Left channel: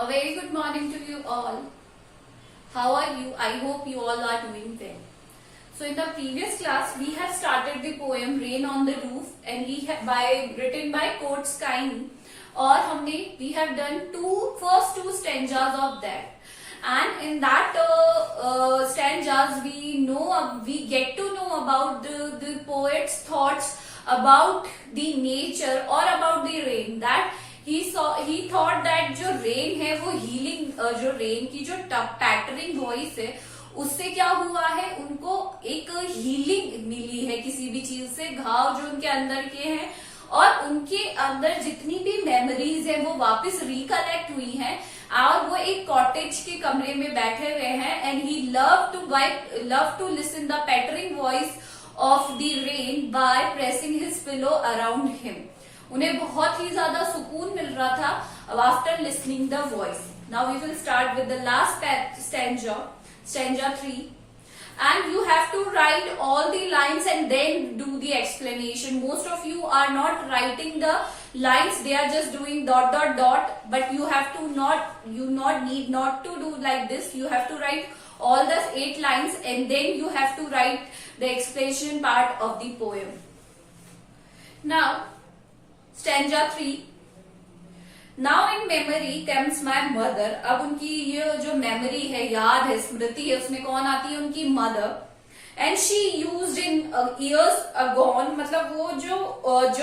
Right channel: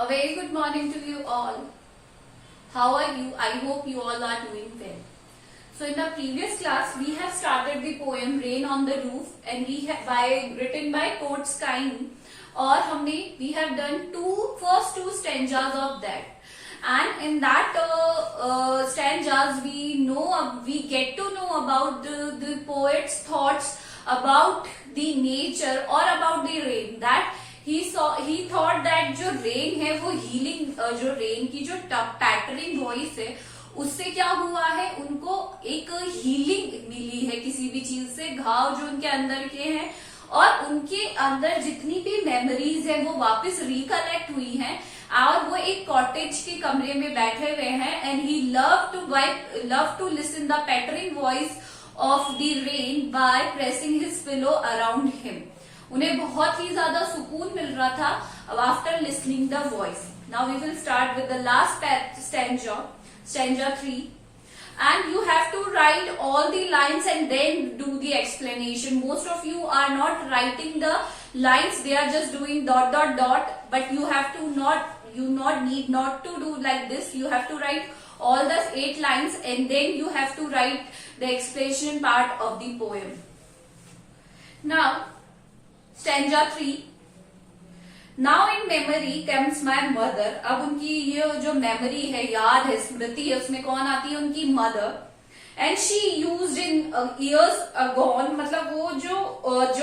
A very good morning to you all. How are you? I hope you all are doing well. So in the previous class, we have started the poem Rain on the Roof and written by Coates Kine. और we have done first two stanzas of that. And in that stanzas, we get to know about the poet's thoughts about the nature or about the rain. That he thought that जो rain है वो healing, जो rain की जो पैटरिंग voice है उससे क्या हुआ है, उनको एक हीलिंग मिली है किसी भी चीज से, घाव जो उनके अंदर के हैं और उनके अंदर जितनी भी मेमोरीज है वो वापस रिकलेक्ट हुई हैं और वो एक कॉटेज के कमरे में बैठे हुए हैं. And he love to listen the pattering voice of the rain by pressing his pillow around him. उन्हें बहुत ही ज्यादा सुकून मिल रहा था after listening the voice. Now we will start with the last stanza 3, and you have to write all the lines and then do the explanation. Most of you are not writing the lines, they are just doing ... but you need not to do like this. You have to write all the 8 lines and then you have to write the explanation part of the poem. Now stanza 3. Now in memory comes my mother. अब उनकी ये जो memory है, याद है, स्मृति है, उसमें कौन आती है, उनकी mother. And she used in years agone, मतलब वो जो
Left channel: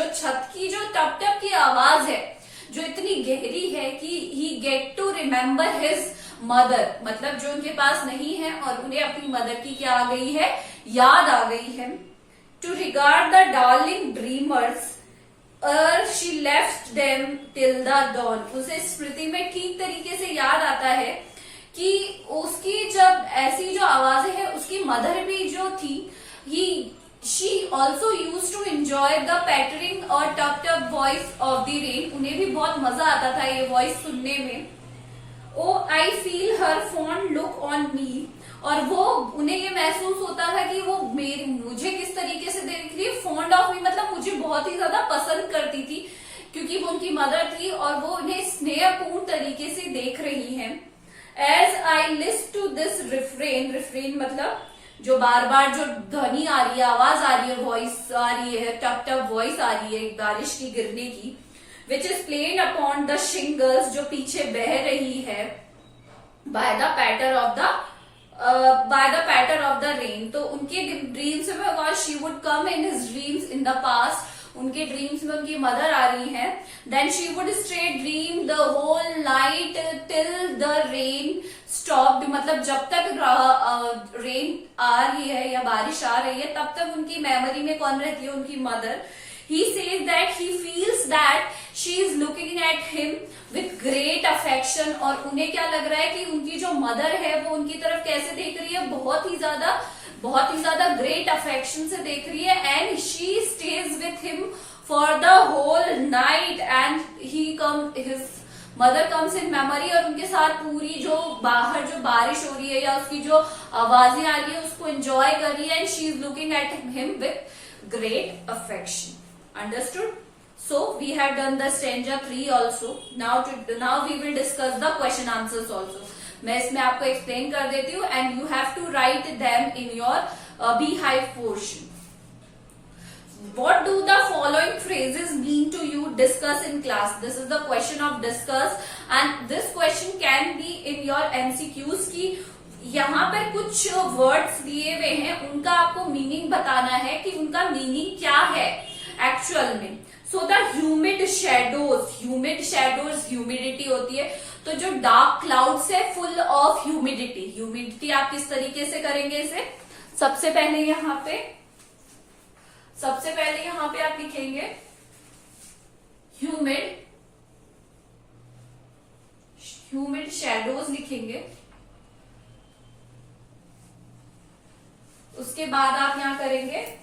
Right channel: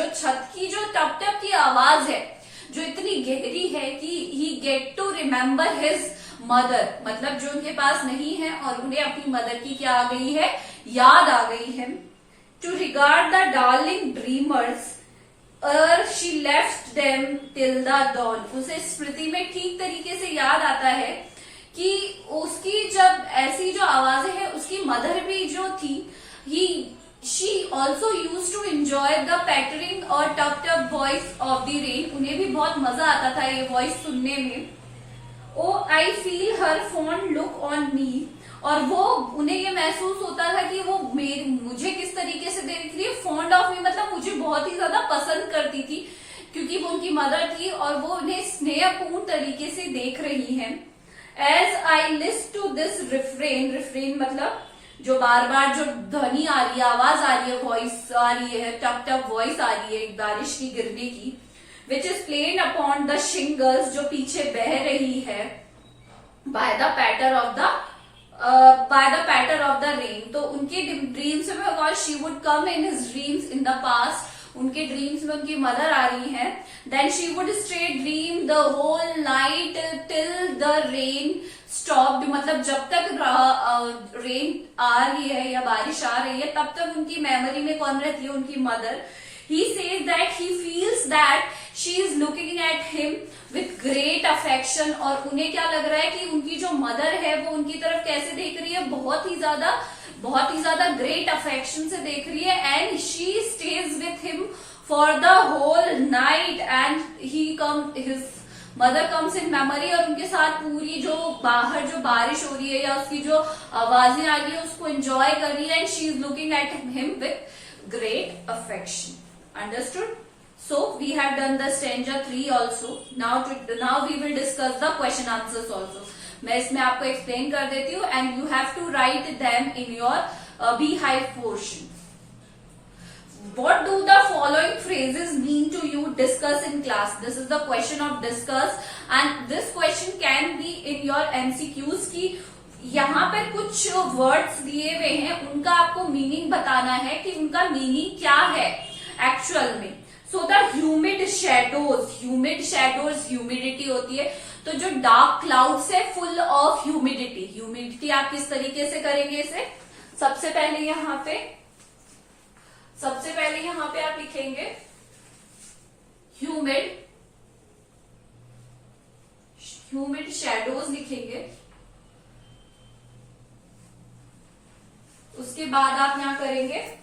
छत की जो टप टप की आवाज है जो इतनी गहरी है कि he get to remember his mother, मतलब जो उनके पास नहीं है और उन्हें अपनी मदर की क्या आ गई है, याद आ गई है. To regard the darling dreamers she left them till the dawn. उसे स्मृति में ठीक तरीके से याद आता है कि उसकी जब ऐसी जो आवाजें हैं, उसकी मदर भी जो थी, she also used to enjoy the pattering और टप टप voice of the rain. उन्हें भी बहुत मजा आता था ये वॉइस सुनने में. Oh, I feel her fond look on me. और वो उन्हें ये महसूस होता था कि वो मुझे किस तरीके से देख रही है, फॉन्ड ऑफ मी, मतलब मुझे बहुत ही ज्यादा पसंद करती थी क्योंकि वो उनकी मदर थी और वो उन्हें स्नेहपूर्ण तरीके से देख रही हैं. As I list to this refrain मतलब जो बार बार जो ध्वनि आ रही है, आवाज आ रही है, वॉइस आ रही है, टप टप वॉइस आ रही है बारिश की गिरने की, which is plain upon the shingles, जो पीछे बह रही है, by the patter of the rain. तो उनके ड्रीम्स में she would come in his dreams in the past, उनके ड्रीम्स में उनकी मदर आ रही है. Then she would stay dream the whole night till the rain stopped, मतलब जब तक रेन आ रही है या बारिश आ रही है तब तक उनकी मेमोरी में कौन रहती है, उनकी mother. He says that he feels that she is looking at him with great affection. और उन्हें क्या लग रहा है कि उनकी जो मदर है वो उनकी तरफ कैसे देख रही है, बहुत ही ज्यादा ग्रेट अफेक्शन से देख रही है. And she stays with him for the whole night and his mother comes in memory, और उनके साथ पूरी जो बाहर जो बारिश हो रही है या उसकी जो आवाजें आ रही है उसको एंजॉय कर रही है. And she is looking at him with great affection. Understood? So we have done the stanza 3 also. Now we will discuss the question answers also. मैं इसमें आपको explain कर देती हूँ and you have to write them in your beehive portion. What do the following phrases mean to you? Discuss in class. This is the question of discuss and this question can be in your MCQs की यहाँ पे कुछ words दिए हुए हैं, उनका आपको meaning बताना है कि उनका मीनिंग क्या है एक्चुअल में. So the humid shadows humidity होती है, तो जो डार्क क्लाउड्स है फुल ऑफ ह्यूमिडिटी आप किस तरीके से करेंगे इसे. सबसे पहले यहाँ पे आप लिखेंगे ह्यूमिड शेडोज लिखेंगे. उसके बाद आप यहाँ करेंगे,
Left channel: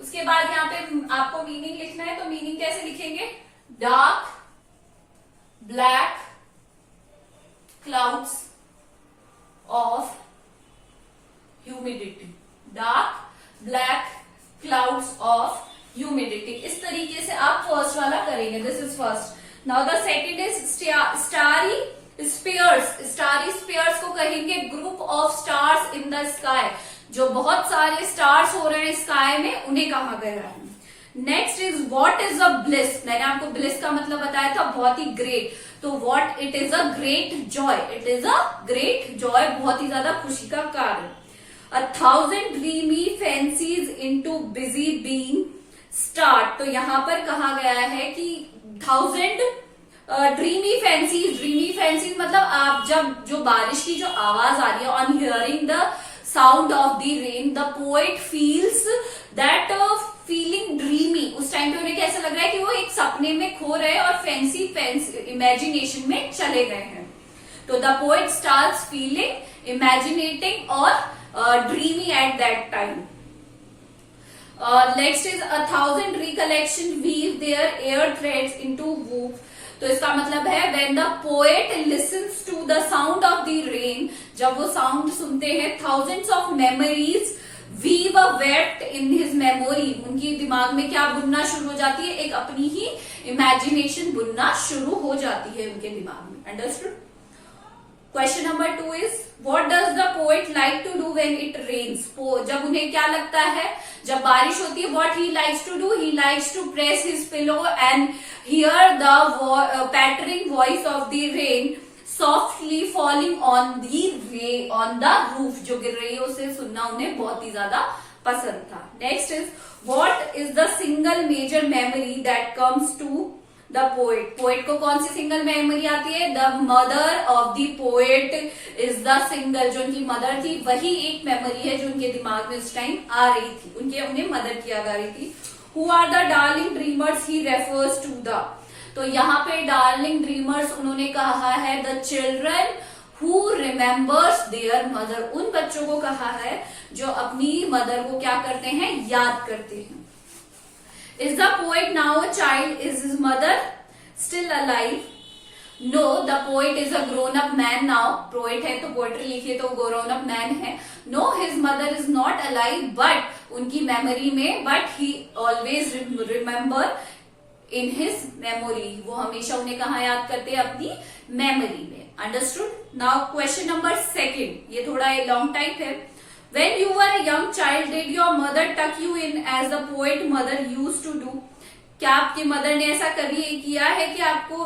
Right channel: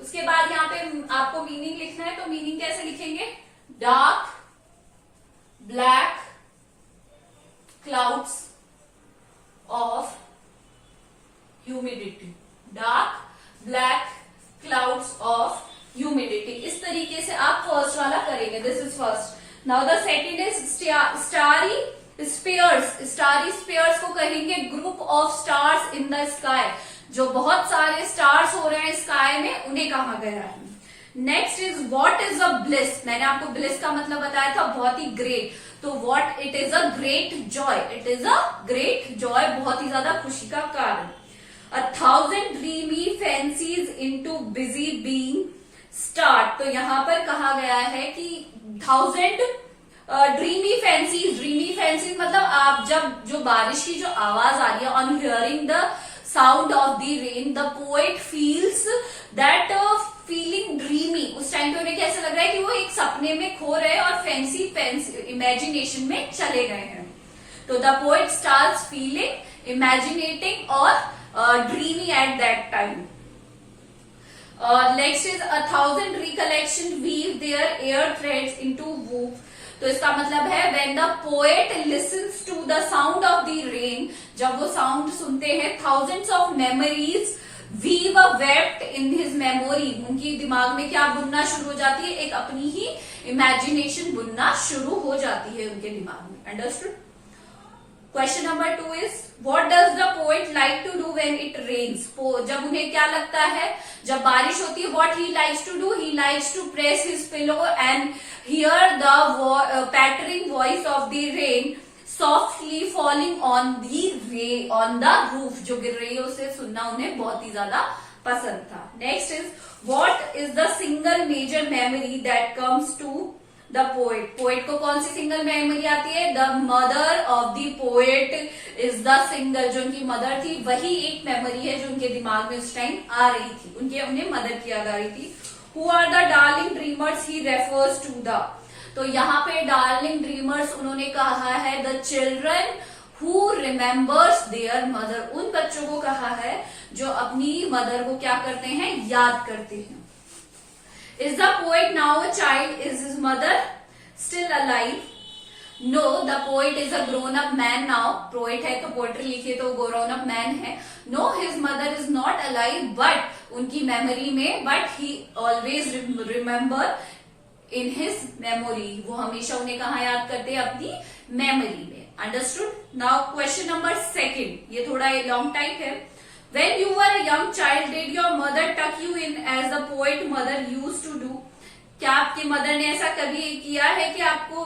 उसके बाद यहाँ पे आपको मीनिंग लिखना है, तो मीनिंग कैसे लिखेंगे, dark black clouds of humidity, dark black clouds of humidity. इस तरीके से आप फर्स्ट वाला करेंगे. This is first. Now the second is starry spheres, starry spheres को कहेंगे group of stars in the sky, जो बहुत सारे स्टार्स हो रहे हैं स्काई में उन्हें कहा गया है। Next is what is a bliss, मैंने आपको ब्लिस का मतलब बताया था बहुत ही ग्रेट, तो what it is a great Joy, it is a great Joy, बहुत ही ज्यादा खुशी का कारण। 1000 dreamy fancies into busy being start, तो यहां पर कहा गया है कि 1000 ड्रीमी फैंसीज मतलब आप जब जो बारिश की जो आवाज आ रही है, on hearing the sound of the rain the poet feels that feeling dreamy, उस टाइम पे उन्हें कैसा लग रहा है कि वो एक सपने में खो रहे हैं और फैंसी इमेजिनेशन में चले गए हैं। तो the poet starts feeling imaginating और dreamy at that time. Next is 1000 recollection weave their air threads into woof, तो इसका मतलब है when the poet listens to the sound of the rain, जब वो साउंड सुनते हैं, thousands of memories weave a weft in his memory, उनकी दिमाग में क्या बुनना शुरू हो जाती है, एक अपनी ही इमेजिनेशन बुनना शुरू हो जाती है उनके दिमाग में। Understood? Question number 2 is what does the poet like to do when it rains, जब उन्हें क्या लगता है जब बारिश होती है, what he likes to do, he likes to press his pillow and hear the pattering voice of the rain softly falling on the roof, जो गिर रही है उसे सुनना उन्हें बहुत ही ज्यादा पसंद था। Next is what is the single major memory that comes to the poet, poet को कौन सी सिंगल मेमोरी आती है, the mother of the poet is the single, जो उनकी मदर थी वही एक मेमोरी है जो उनके दिमाग में उस टाइम आ रही थी, उन्हें मदर किया जा रही थी। Who are the darling dreamers he refers to the, तो यहाँ पे डार्लिंग ड्रीमर्स उन्होंने कहा है the children who remembers their mother, उन बच्चों को कहा है जो अपनी मदर को क्या करते हैं, याद करते हैं। Is the poet now a child? Is his mother still alive? No, the poet is a grown-up man now. Poet है तो पोएट्री लिखी तो grown-up man है। No, his mother is not alive, but उनकी मेमोरी में, but he always remember in his memory. वो हमेशा उन्हें कहाँ याद करते हैं, अपनी मेमोरी में। Understood? Now question number 2, ये थोड़ा लॉन्ग टाइप है। When you were a young child, did your mother tuck you in as the poet mother used to do? क्या आपकी मदर ने ऐसा कभी किया है कि आपको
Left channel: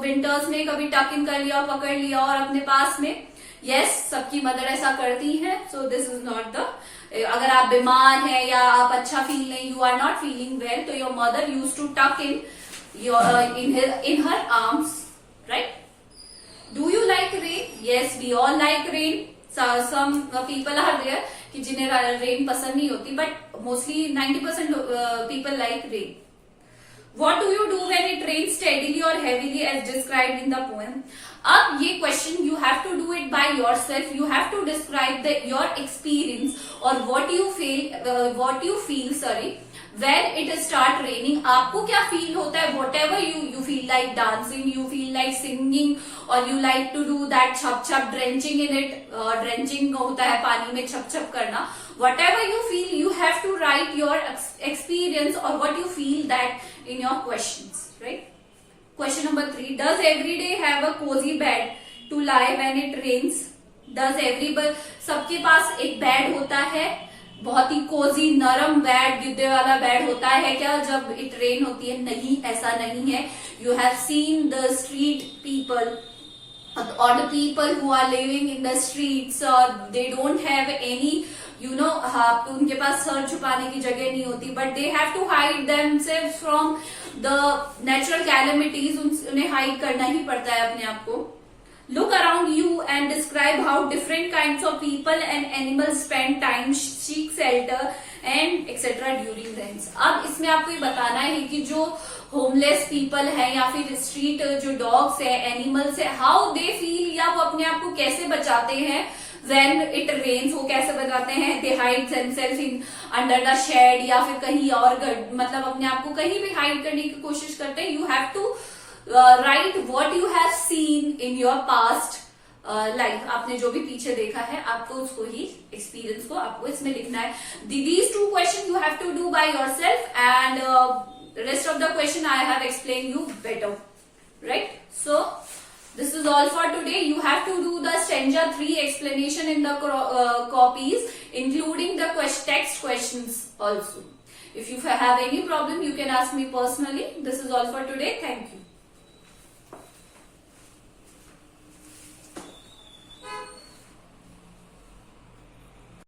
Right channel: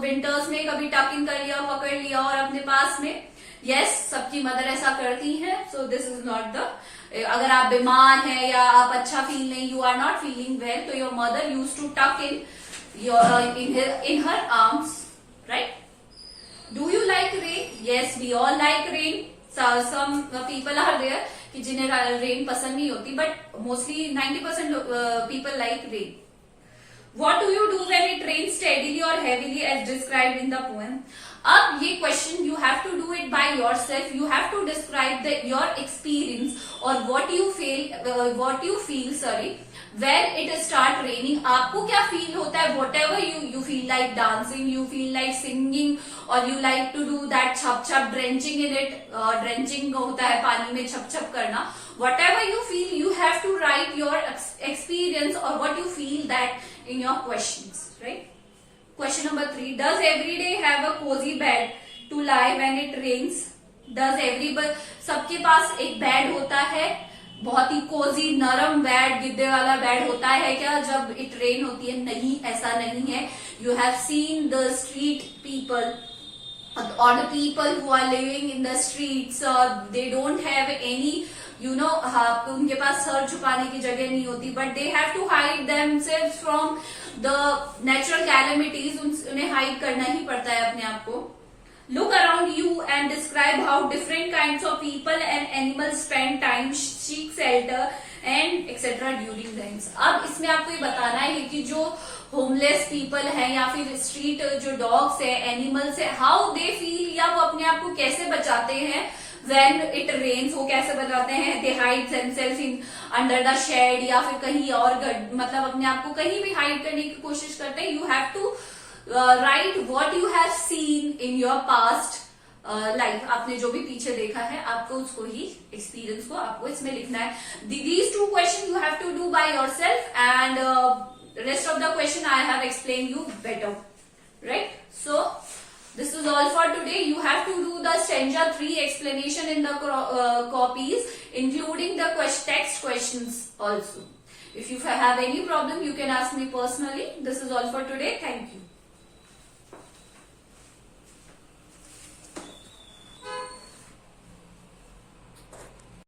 विंटर्स में कभी टक इन कर लिया, पकड़ लिया और अपने पास में? यस, सबकी मदर ऐसा करती है। So this is not the, अगर आप बीमार हैं या आप अच्छा फील नहीं, you are not feeling well, तो your mother use to tuck in her arms, right? Do you like rain? Yes, we all like rain. Some people are there कि जिन्हें रेन पसंद नहीं होती, but mostly 90% people like rain. What do you do when it rains steadily or heavily as described in the poem? अब ये question you have to do it by yourself. You have to describe your experience or what you feel, when it start raining. आपको क्या feel होता है? Whatever you feel like dancing, you feel like singing, or you like to do that छप छप drenching in it. Drenching होता है पानी में छप छप करना. Whatever you feel, you have to write your experience or what you feel that in your questions, right? Question number 3, does every day have a cozy bed to lie when it rains? Does everybody, सबके पास एक bed होता है, बहुत ही Cozi नरम bed, गिद्दे वाला bed होता है क्या जब इट रेन होती है? नहीं, ऐसा नहीं है। You have seen the street people or the people who are living in the streets, they don't have any, उनके पास सर छुपाने की जगह नहीं होती, but they have to hide themselves from the natural calamities, उन्हें हाइड करना ही पड़ता है अपने आप को। Look around you and describe how different kinds of people and animals spend time, seek shelter and etc. during rains. अब इसमें आपको ये बताना है कि जो होमलेस पीपल है या फिर स्ट्रीट जो डॉग्स है, एनिमल्स है, हाउ दे फील, या वो अपने आप को कैसे बचाते हैं when it rains, वो कैसे बचाते हैं? they hide themselves in under the shed, या फिर कहीं और, मतलब अपने आप को कहीं भी हाइड करने की कोशिश करते हैं। You have to write what you have seen in your past life, आपने जो भी पीछे देखा है आपको उसको ही एक्सपीरियंस को आपको इसमें लिखना है। These 2 question you have to do by yourself and rest of the question I have explained you better, right? So this is is all for today. You have to do the stanza 3 explanation in the copies, including the text questions also. If you have any problem, you can ask me personally. This is all for today. Thank you.